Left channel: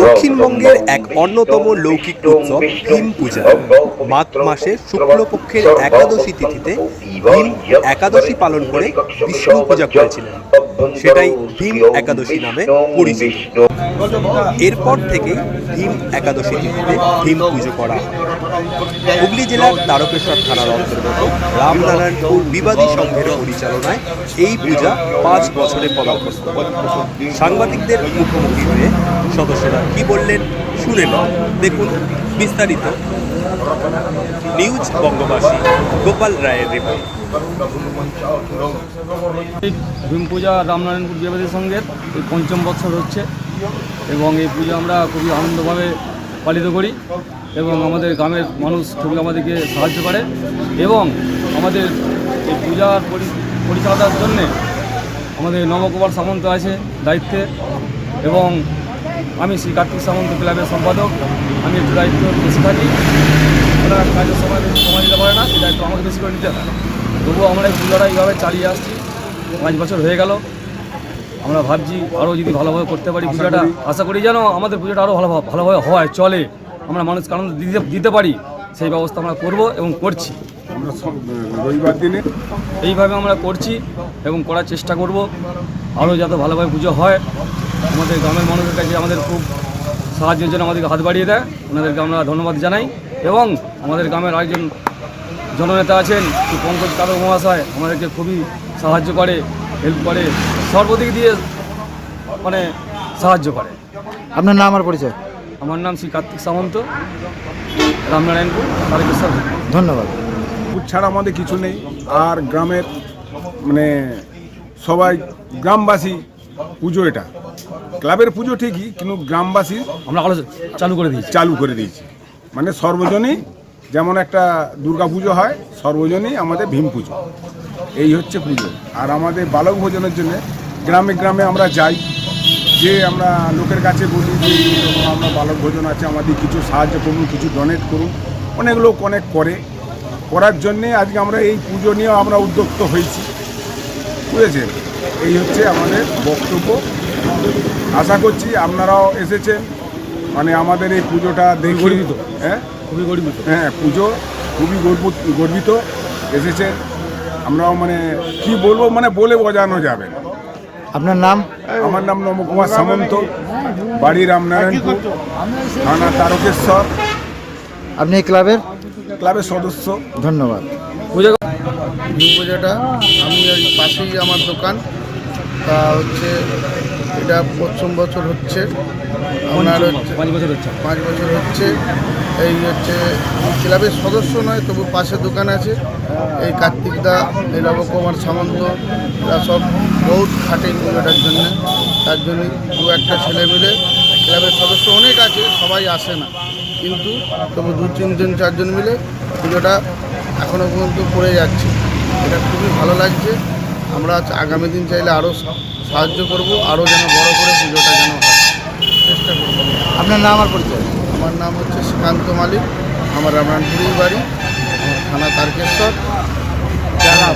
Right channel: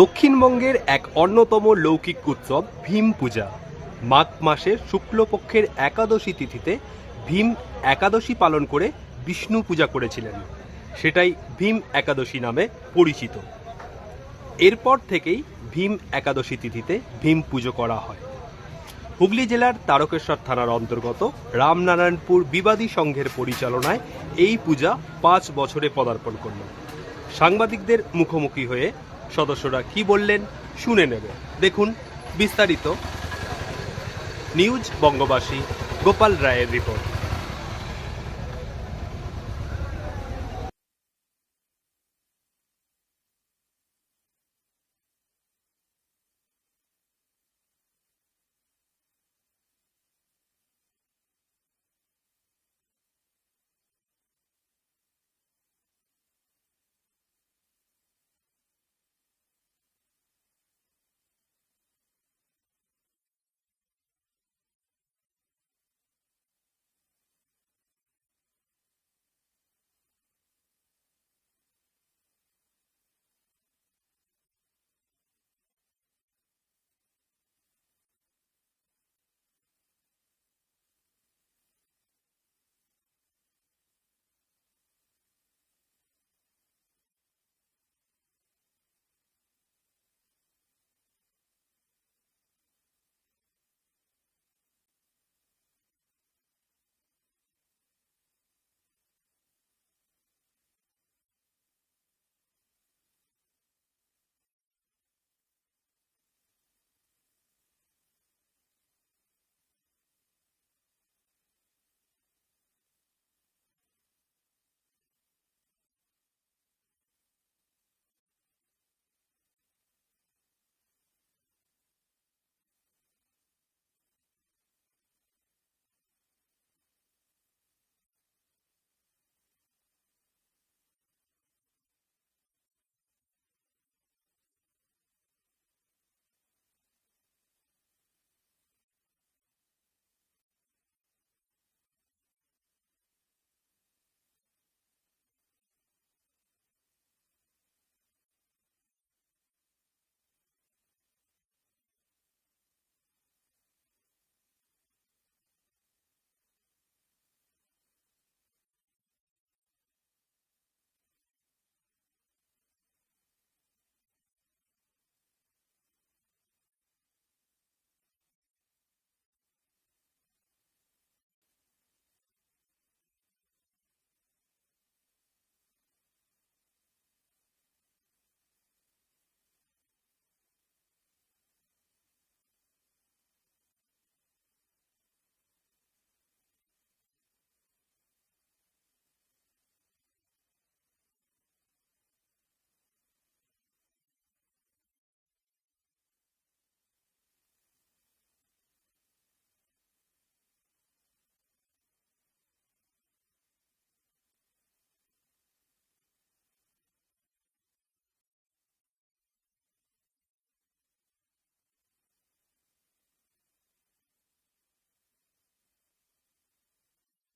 দক্ষিণবঙ্গের এক অন্যতম লৌকিক উৎসব ভীম পূজা। মাঘ মাসের শুক্লপক্ষের একাদশী তিথিতে ভীম একাদশী পালন করে বিষ্ণু পূজা করেছিলেন। সেটাই ভীম একাদশী নামে পরিচিত। এরপর থেকেই ভীম একাদশী তিথিতে ভীম পুজো করা হয়। হুগলি জেলার তারকেশ্বর থানার অন্তর্গত রামনারায়ণপুর বিবাদী সংঘের পরিচালনায় এই পূজা 5 বছরে পদার্পণ করে। সাংবাদিকদের মুখোমুখি হয়ে সদস্যরা কি বললেন শুনে নেন। দেখুন বিস্তারিত নিউজ বঙ্গবাসী গোপাল রায়ের রিপোর্ট। ভীম পূজা রামনারায়ণপুর বিবাদী সংঘের এই 5ম বছর হচ্ছে এবং এই পূজা আমরা খুবই আনন্দভাবে পালিত করি এবং আমাদের গ্রামের মানুষ খুবই আমাদেরকে সাহায্য করে এবং আমাদের এই পূজার পরিচালনার জন্যে আমাদের নবকুমার সামন্ত আছে দায়িত্বে এবং আমি শ্রী কার্তিক সামন্ত ক্লাবের সম্পাদক। আমি একটু দায়িত্ব বেশি থাকি, ওরা কাজের সময় বেশি সময় দিতে পারে না, সেই দায়িত্ব আমাকে বেশি করে নিতে হয়। তবুও আমরা এই পূজাটা এইভাবে চালিয়ে আসছি, 5 বছর হয়ে গেল। আমরা ভাবছি আরও যদি ভালোভাবে করতে পারি পূজাটা, আশা করি যেন আমাদের পূজাটা আরও ভালোভাবে হয়, চলে, আমরা মানুষকে আনন্দ দিতে পারি, সেই ব্যবস্থা আমরা করব এবং করছি। আমরা রবিবার দিনে এইভাবে আমরা করছি এবং করার চেষ্টা করব আরও যাতে ভালোভাবে পুজো হয়। আমাদের গ্রামের মানুষের কাছে আমাদের খুব সাহায্যের জন্য আমাদেরকে হাত বাড়িয়ে দেয়, ওনাদেরকে আমরা ধন্যবাদ জানাই। এবং আমাদের গ্রামের আরেকজন জননেতা আছেন পঙ্কজ কাদর মহাশয়, আমাদেরকে খুবই সাহায্য করে, হেল্প করে, সর্বদিক দিয়ে মানে সাহায্য করে। আপনার নাম আর পরিচয়? আমার নাম শ্রী কার্তিক সামন্ত, রামনারায়ণপুর তারকেশ্বর। ধন্যবাদ। ছাড়া আমাদের কিছু নেই। আর গ্রামের মানে সবাই গ্রামবাসী পুজো, এটা ক্লাবের পুজো ঠিকই, কিন্তু গ্রামবাসী আমরা চালু করে দিয়েছি। মানে সর্বজনীন, যেমন একটা দুর্গা পুজো হয়, সর্বজনীন আমাদের ভীম পুজো, এই হচ্ছে পুজো। আর আমাদের বালক ভোজনের জন্য গ্রামে গ্রামে আমরা যাই, যে আমরা লোকের কাছে বলি যে এরকম আমরা বালক ভোজন আছে, আমাদের কিছু সাহায্য করুন, কিছু ডোনেট করুন। অনেক লোক অনেক করার জন্যে আজকে আমরা এই পুজো নিয়েও আমরা উদ্যোক্ত হয়েছি, বুঝেছেন? এই হচ্ছে আমাদের বক্তব্য। আশা করছি আপনারাও এসেছেন, মানে আমাদের এই পুজোটা দেখে গর্বিত, খুবই গর্বিত। হ্যাঁ, পুজো খুবই গর্বিত এসেছেন। আমরাও মানে কি বলবো, মানে বলে বোঝানো যাবে না। আপনার নাম? আমার নাম নবকুমার সামন্ত, বাড়ি রামনারায়ণপুর, থানা তারকেশ্বর। আপনি এই ক্লাবের সদস্য। ধন্যবাদ। ভীম পূজাটা আমি ওই পাশেই আমার দোকান, তা হচ্ছে এটা 5ম বছর হচ্ছে, আপনার হচ্ছে 5 বছর হচ্ছে। 5 বছর হচ্ছে। এই হচ্ছে ক্লাবের সদস্য নয়, তবু পাশে দোকান আছে। এই কার্তিকদা, এই নবকুমার সামন্ত, এরা সব বহুত খাটে পুজোটার জন্য। তার জন্য 2-1টা ছেলে মিলে, ক্লাবের সদস্য অনেক আছে, সবাই আসে না, কিন্তু তবু 2-3 জন 4 জন মিলে পুজোটা এখনও পর্যন্ত করে যাচ্ছে। এটা খুবই ভালো লাগছে। আমরা আগামী দিন চাইলে আরও সাহায্য করব, আরও যেন বড় করে পুজোটা যেন হয়, চেষ্টা করব। আপনার নাম আর পরিচয়? আমার নাম হচ্ছে শ্রীকান্ত মালিক, আমার রামনারায়ণপুরেই বাড়ি, আমার থানা তারকেশ্বর, জেলা।